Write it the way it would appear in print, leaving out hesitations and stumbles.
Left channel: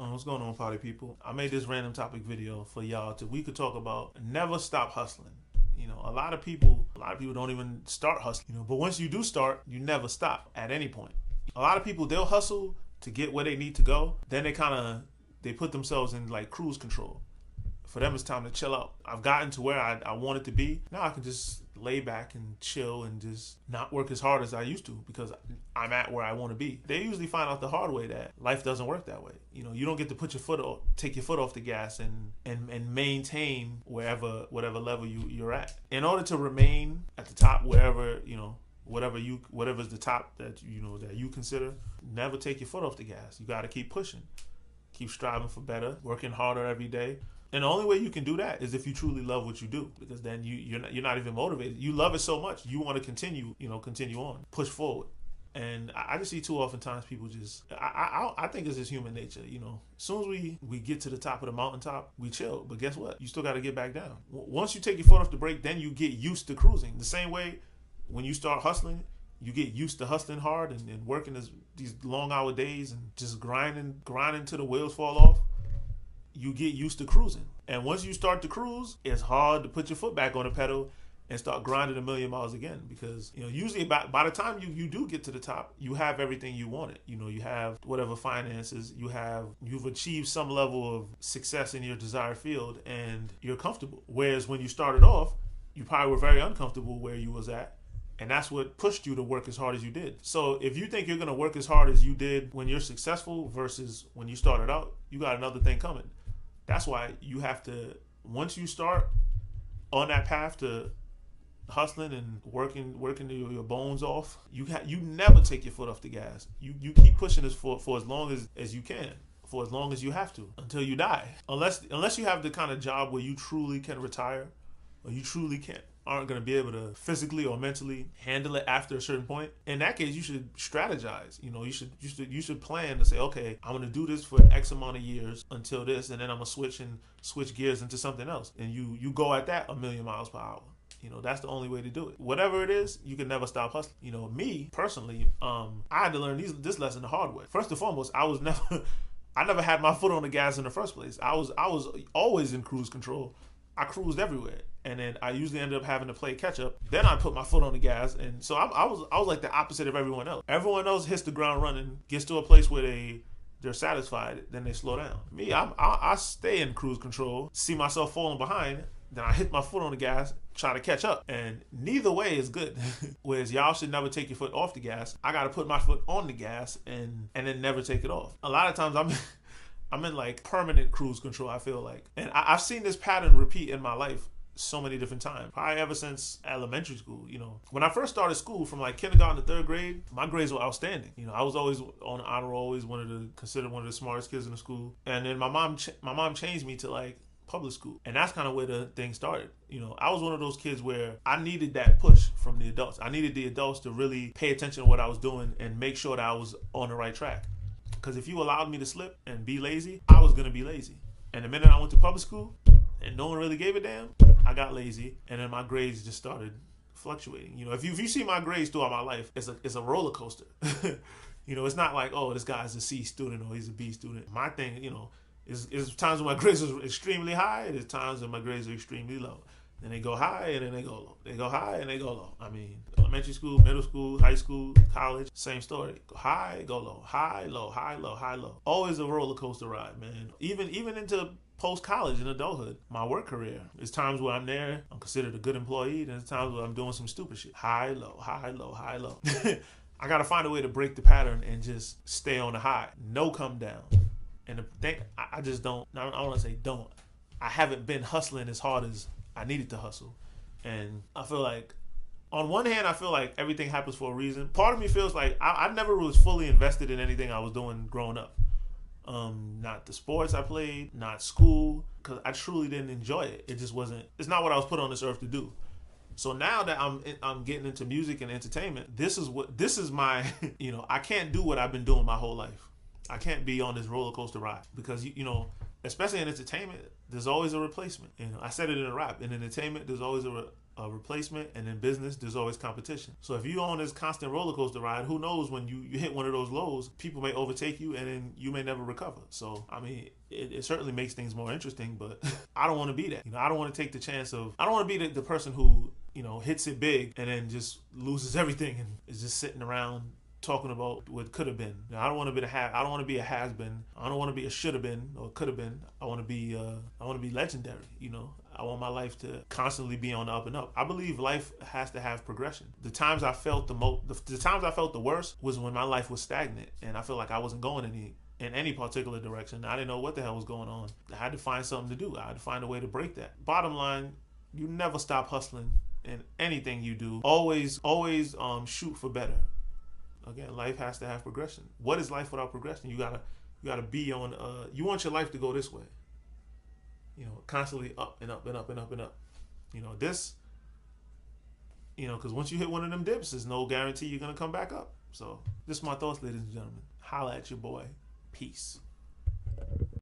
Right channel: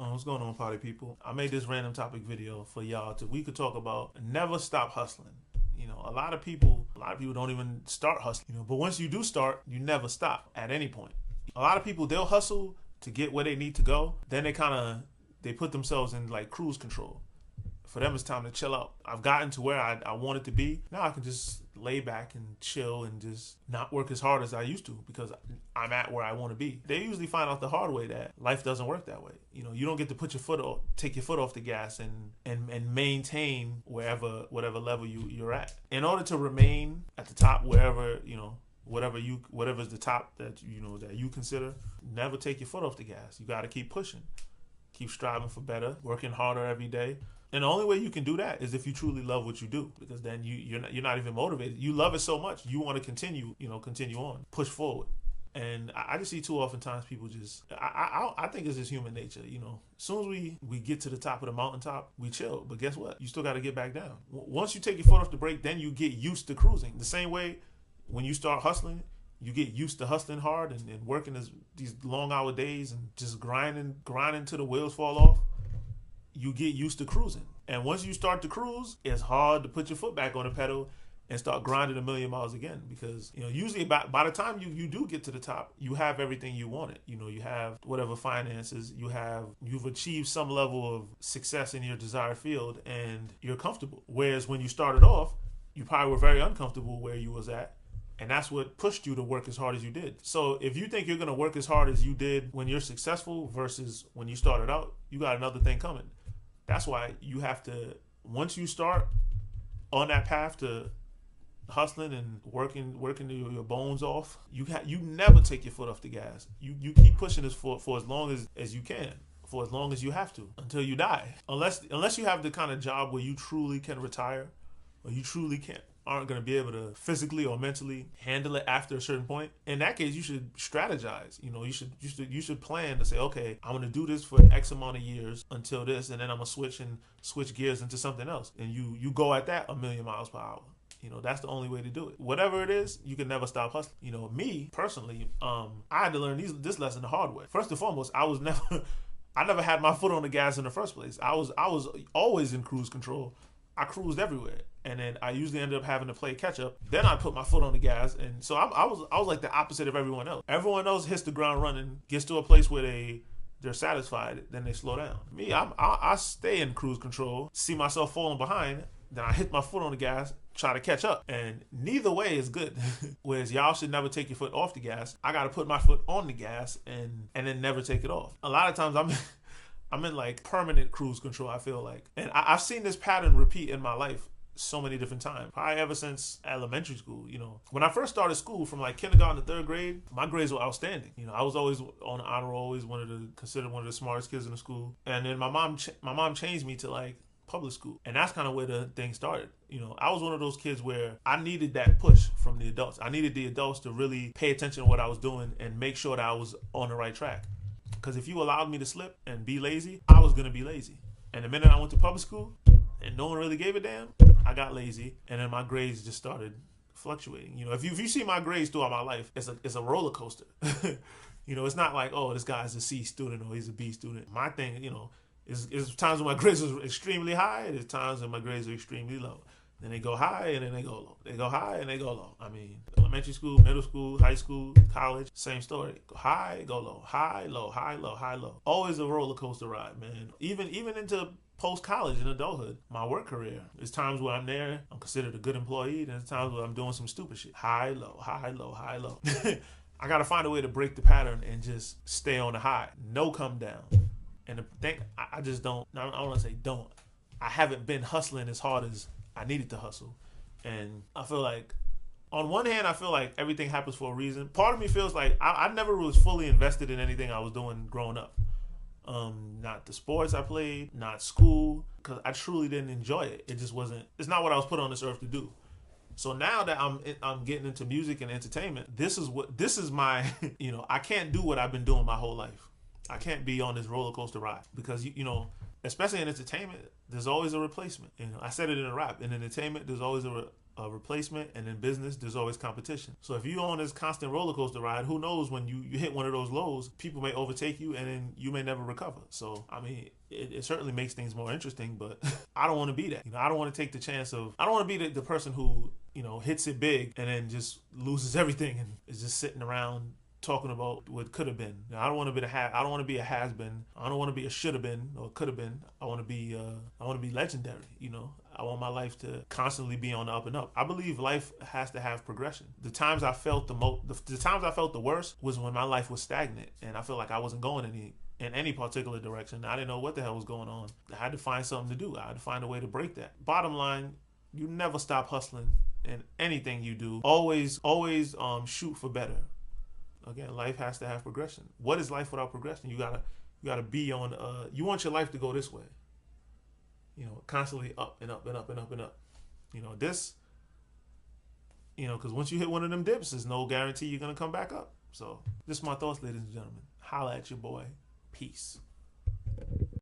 What's going on, party people? I made this random topic video for y'all we could talk about never stop hustling. A lot of people don't even start hustling. But once you do start, you never stop at any point. A lot of people, they'll hustle to get where they need to go. Then they put themselves in like cruise control. For them, it's time to chill out. I've gotten to where I wanted to be. Now I can just lay back and chill and just not work as hard as I used to because I'm at where I want to be. They usually find out the hard way that life doesn't work that way. You don't get to take your foot off the gas and maintain whatever level you're at. In order to remain at the top wherever, whatever's the top that you consider, never take your foot off the gas. You got to keep pushing. Keep striving for better, working harder every day. And the only way you can do that is if you truly love what you do, because then you're not even motivated. You love it so much, you want to continue on, push forward. And I just see too often times people just, I think it's just human nature. As soon as we get to the top of the mountaintop, we chill. But guess what? You still got to get back down. Once you take your foot off the brake, then you get used to cruising. The same way when you start hustling, you get used to hustling hard and working these long hour days and just grinding till the wheels fall off. You get used to cruising. And once you start to cruise, it's hard to put your foot back on the pedal and start grinding a million miles again, because usually by the time you do get to the top, you have everything you wanted. You have whatever finances, you've achieved some level of success in your desired field, and you're comfortable. Whereas when you started off, you probably were very uncomfortable where you was at. And that's what pushed you to work as hard as you did. So if you think you're going to work as hard as you did when you're successful versus when you started out, you got another thing coming. That's why you have to, once you start on that path to hustling and working your bones off, you never take your foot off the gas. You keep pushing this for as long as you can, for as long as you have to, until you die. Unless you have the kind of job where you truly can retire, or you truly aren't going to be able to physically or mentally handle it after a certain point. In that case, you should strategize. You should plan to say, okay, I'm going to do this for X amount of years until this, and then I'm going to switch gears into something else. And you go at that 1,000,000 miles per hour. That's the only way to do it. Whatever it is, you can never stop hustling. Me personally, I had to learn this lesson the hard way. First and foremost, I never had my foot on the gas in the first place. I was always in cruise control. I cruised everywhere, and then I usually ended up having to play catch up. Then I put my foot on the gas, and so I was like the opposite of everyone else. Everyone else hits the ground running, gets to a place where they're satisfied, then they slow down. Me, I stay in cruise control, see myself falling behind, then I hit my foot on the gas, try to catch up, and neither way is good. Whereas y'all should never take your foot off the gas. I got to put my foot on the gas and then never take it off. A lot of times I'm in like permanent cruise control, I feel like. And I've seen this pattern repeat in my life so many different times, probably ever since elementary school. When I first started school, from like kindergarten to third grade, my grades were outstanding. I was always on honor roll, always considered one of the smartest kids in the school. And then my mom changed me to like public school, and that's kind of where the thing started. I was one of those kids where I needed that push from the adults. I needed the adults to really pay attention to what I was doing and make sure that I was on the right track. Because if you allowed me to slip and be lazy, I was going to be lazy. And the minute I went to public school and no one really gave a damn, I got lazy, and then my grades just started fluctuating. If you see my grades throughout my life, it's a roller coaster. It's not like, oh, this guy's a C student or he's a B student. My thing, is times when my grades are extremely high, and there's times when my grades are extremely low. Then they go high and then they go low. They go high and they go low. I mean, elementary school, middle school, high school, college, same story. Go high, go low. High, low, high, low, high, low. Always a roller coaster ride, man. Even into post-college and adulthood, my work career. There's times where I'm there, I'm considered a good employee, and there's times where I'm doing some stupid shit. High, low, high, low, high, low. I got to find a way to break the pattern and just stay on the high. No come down. And the thing, I just don't, I don't want to say don't. I haven't been hustling as hard as I needed to hustle. And I feel like, on one hand, I feel like everything happens for a reason. Part of me feels like I never was fully invested in anything I was doing growing up. Not the sports I played, not school, because I truly didn't enjoy it. It just wasn't, it's not what I was put on this earth to do. So now that I'm getting into music and entertainment, this is my, I can't do what I've been doing my whole life. I can't be on this roller coaster ride because you know, especially in entertainment, there's always a replacement. You know, I said it in a rap. In entertainment, there's always a replacement, and in business, there's always competition. So if you're on this constant roller coaster ride, who knows when you hit one of those lows, people may overtake you, and then you may never recover. So I mean, it certainly makes things more interesting, but I don't want to be that. You know, I don't want to take the chance of. I don't want to be the person who, you know, hits it big and then just loses everything and is just sitting around talking about what could have been. You know, I don't want to be I don't want to be a has been. I don't want to be a should have been or could have been. I want to be legendary. You know, I want my life to constantly be on the up and up. I believe life has to have progression. The times I felt the times I felt the worst was when my life was stagnant and I felt like I wasn't going in any particular direction. I didn't know what the hell was going on. I had to find something to do. I had to find a way to break that. Bottom line, you never stop hustling in anything you do. Always shoot for better. Again, life has to have progression. What is life without progression? You gotta be on. You want your life to go this way. You know, constantly up and up and up and up and up. You know this. You know, because once you hit one of them dips, there's no guarantee you're gonna come back up. So, this is my thoughts, ladies and gentlemen. Holla at your boy. Peace.